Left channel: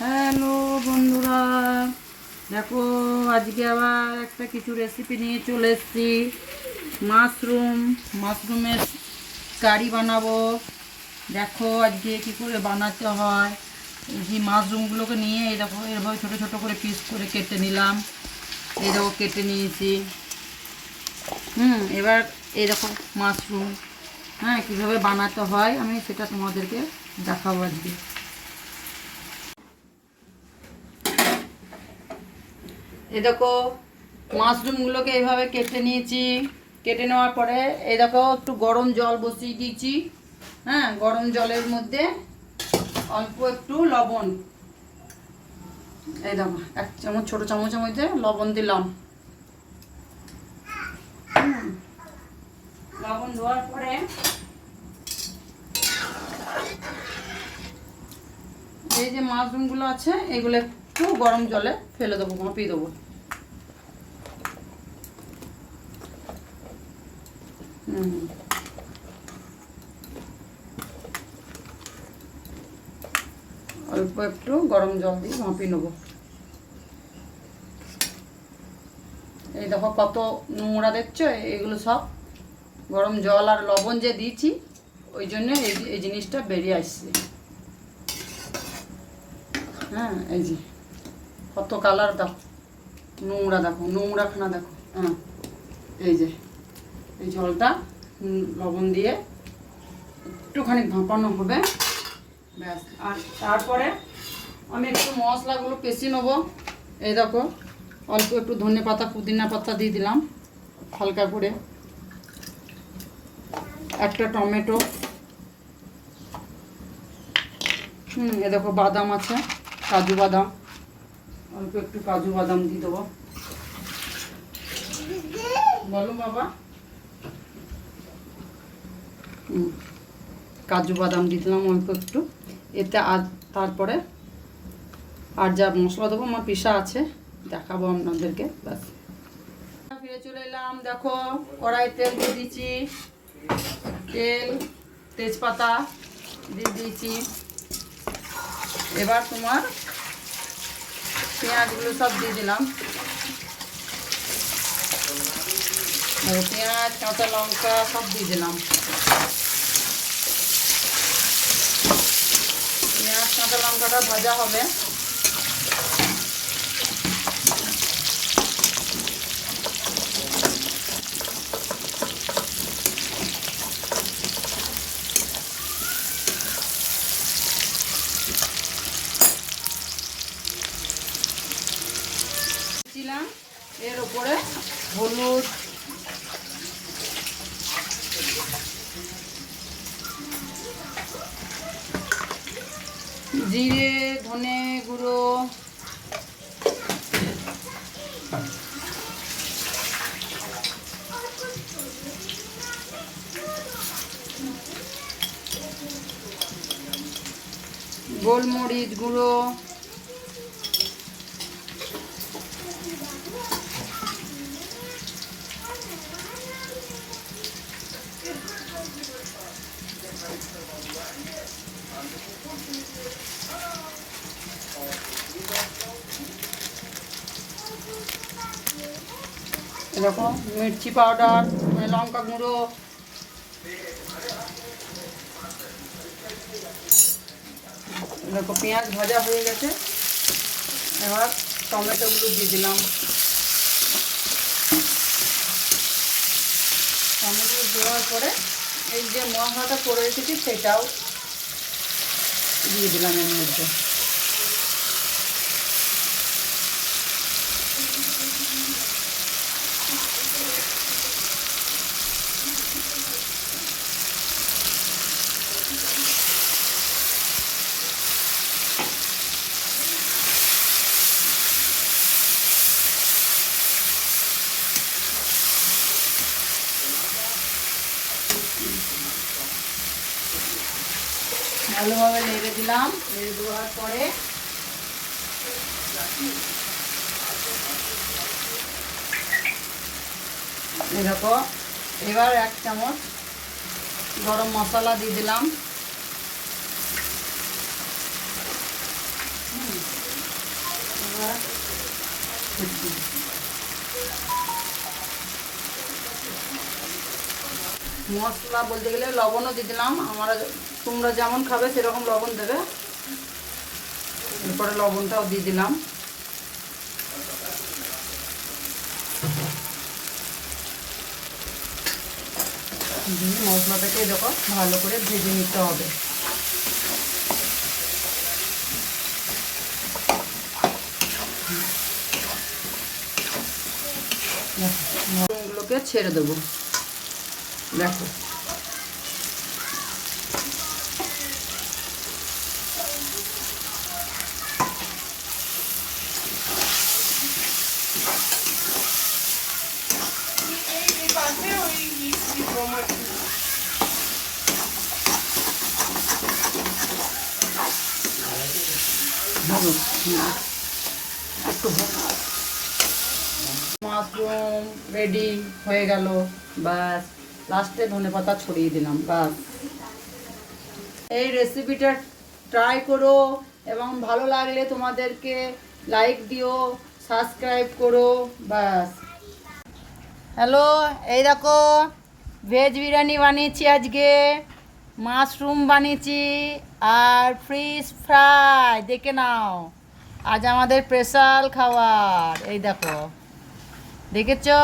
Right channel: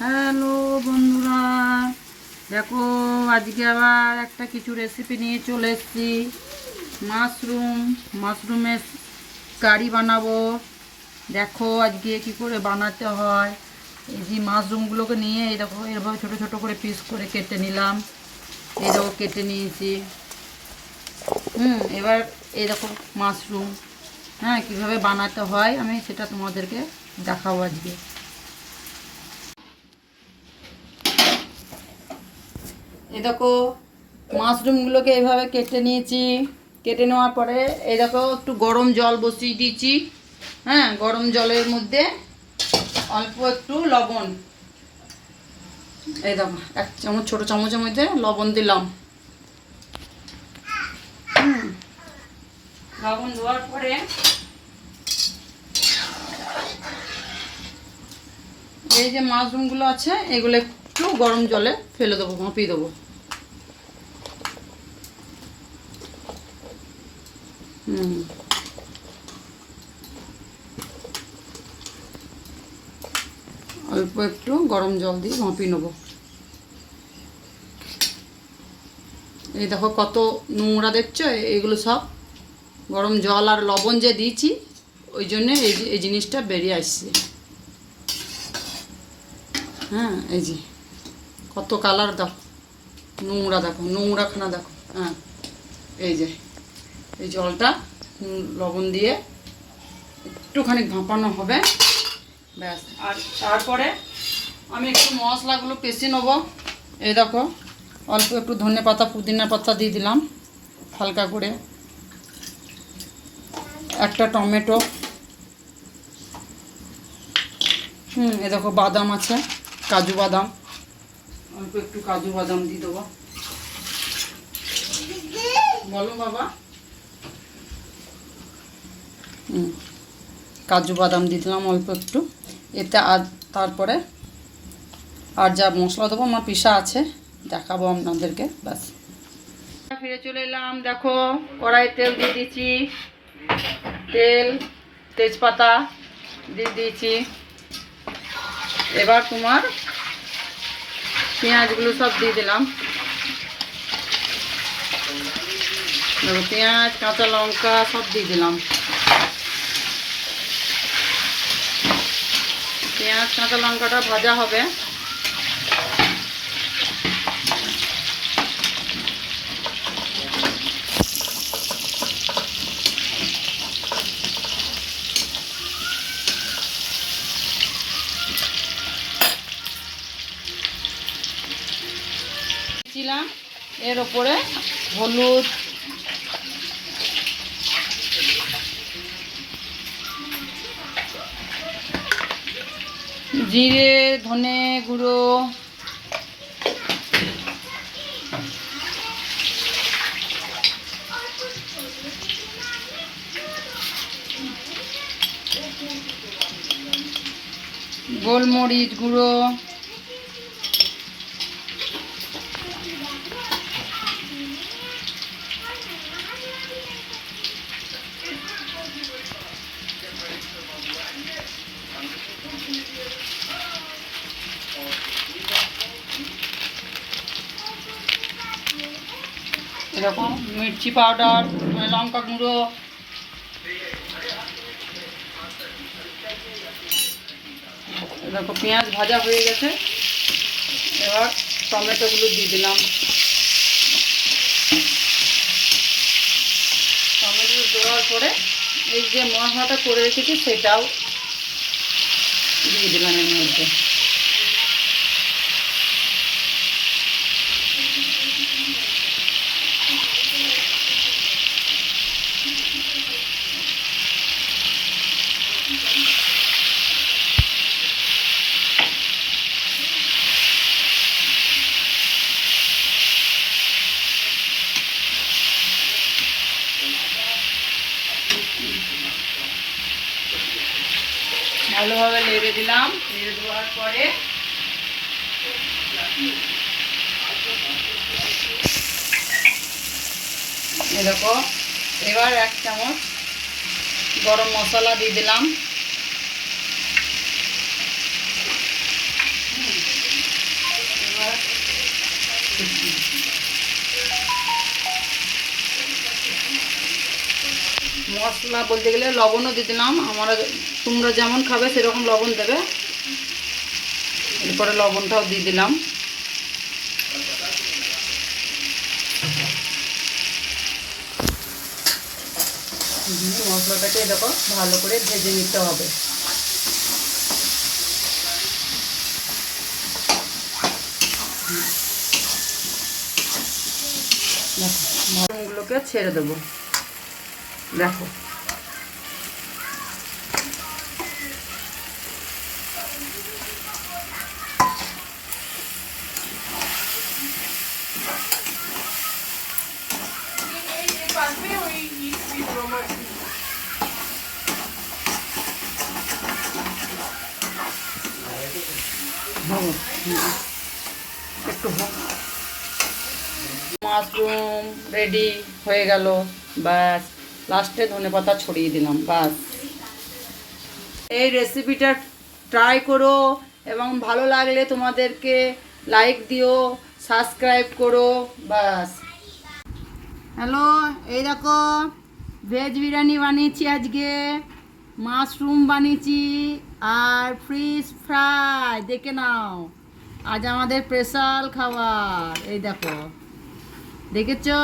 Hello বন্ধুরা, দেখো আজকে আবার একটা কিছু রেসিপি নিয়ে চলে এসেছি। মাশরুমের কারি বানাবো। দেখো আজকে কি করে বানাতে হয়। এই যে মাশরুমগুলোকে নিয়ে এই দেখো এরভাবে ছোটো ছোটো করে পিস করে কেটে নিলাম। এই দেখো কেটে নিয়েছি। এবার এই দেখো মাশরুম কীভাবে বানাতে হয় আমি সেটা তোমাদেরকে দেখাবো আজকে। এই দেখো মাশরুমগুলোকে এইভাবে কেটে নিয়েছি। কেটে নেওয়ার পরে এই দেখো একটু গরম জল বসিয়ে দিয়েছি। গরম জলের মধ্যে অল্প একটু লবণ, এই দেখো এক চামচ ছোটো চামচের মধ্যে লবণ দিলাম। লবণ দেওয়ার পরে এই যে মাশরুমগুলো আছে এগুলো একটু গরম জলে ফেলে দেবো, মাপিয়ে দেবো। অল্প একটু গরম জল দিয়ে মাপিয়ে নেবো। এই দেখো কত নোংরা দেখছো, এগুলো সব গরম জল আর লবণ যে দিয়েছি ওই জন্যে এই জিনিসটা বেরিয়ে আসছে। এই যে কত কালার দেখো, নোংরা দেখো, নোংরাখানা দেখো। এই যে এই জলটা লবণ দিয়ে একটুখানি ভাপানো হবে, ব্যাস। আর তারপরে আমি একটু মশলাগুলো পেশি নেবো। এই দেখো অল্প একটু ধনে পাতা পুদিনা পাতা দিয়ে দিলাম হালকা করে, একটা টমেটো, এই দেখো বাদাম আছে, কাজু বাদাম, অল্প একটু কাজু বাদাম দিয়ে দেবো। বলো বাবা। কাজু বাদাম দিয়ে দিলাম অল্প একটু এতে। আর তারপরে আর যা মশলা দেবো আমার পিসা আছে, দেখাবো আপনাদেরকে, ব্যাস। ফিরে চলে এলাম। দেখো কড়াই তেল দিয়ে দিয়েছি, তেজপাতা দিয়ে দিয়েছি। এবার তোমার পেঁয়াজগুলো সব দিয়ে দিলাম। পেঁয়াজ কাঁচা লঙ্কা সব দিয়ে দিলাম। পেঁয়াজ কাঁচা লঙ্কাটা ভাজা হবে। এর ওপরে হলুদ, জিরে, ধনে গুঁড়ো, গোলমরিচ গুঁড়ো, এরকম মির্চি পাউডার, লঙ্কা গুঁড়ো, এরকম পেঁয়াজ ভাজা হয়ে গেছে। এবার টমেটোগুলো দিয়ে দিলাম। টমেটো দেওয়ার পরে এই যে মশলাটা করে রেখেছি সেটাও দিয়ে দিলাম এর মধ্যে। ভালোভাবে নেড়ে দিলাম। নেড়ে দেওয়ার পরে দেখো এবার এক চামচ গরম মশলা দিয়ে দিলাম। মশলা বলতে গেলে লবণও দিয়ে দিলাম, তোমরা যেমন খাবে সেরকম লবণ দেবে। এরপরে লবণটাও দিয়ে দিলাম। মশলাটাকে দেখো ভালো করে ভেজে নিতে হবে। মশলাগুলোকে ছেড়ে দেবো, দেখো একটু মাশরুম রেডি হয়ে গেল। ব্যাস, লাস্টে ধনেপাতা ছড়িয়ে দিলাম। ব্যাস, এই রেসিপিটা ট্রাই করো এবং ভালো লাগলে তোমাদেরকে লাইক দিও, সাবস্ক্রাইব করো। ব্যাস। হ্যালো, এই দেখো ভেজ বিরিয়ানি বানিয়েছি আজকে, মাশরুম বানিয়েছি আর ফিশ ফ্রাই। দেখে নাও, আজ আমাদের স্পেশাল খাবার। এই দেখো, দেখেছো?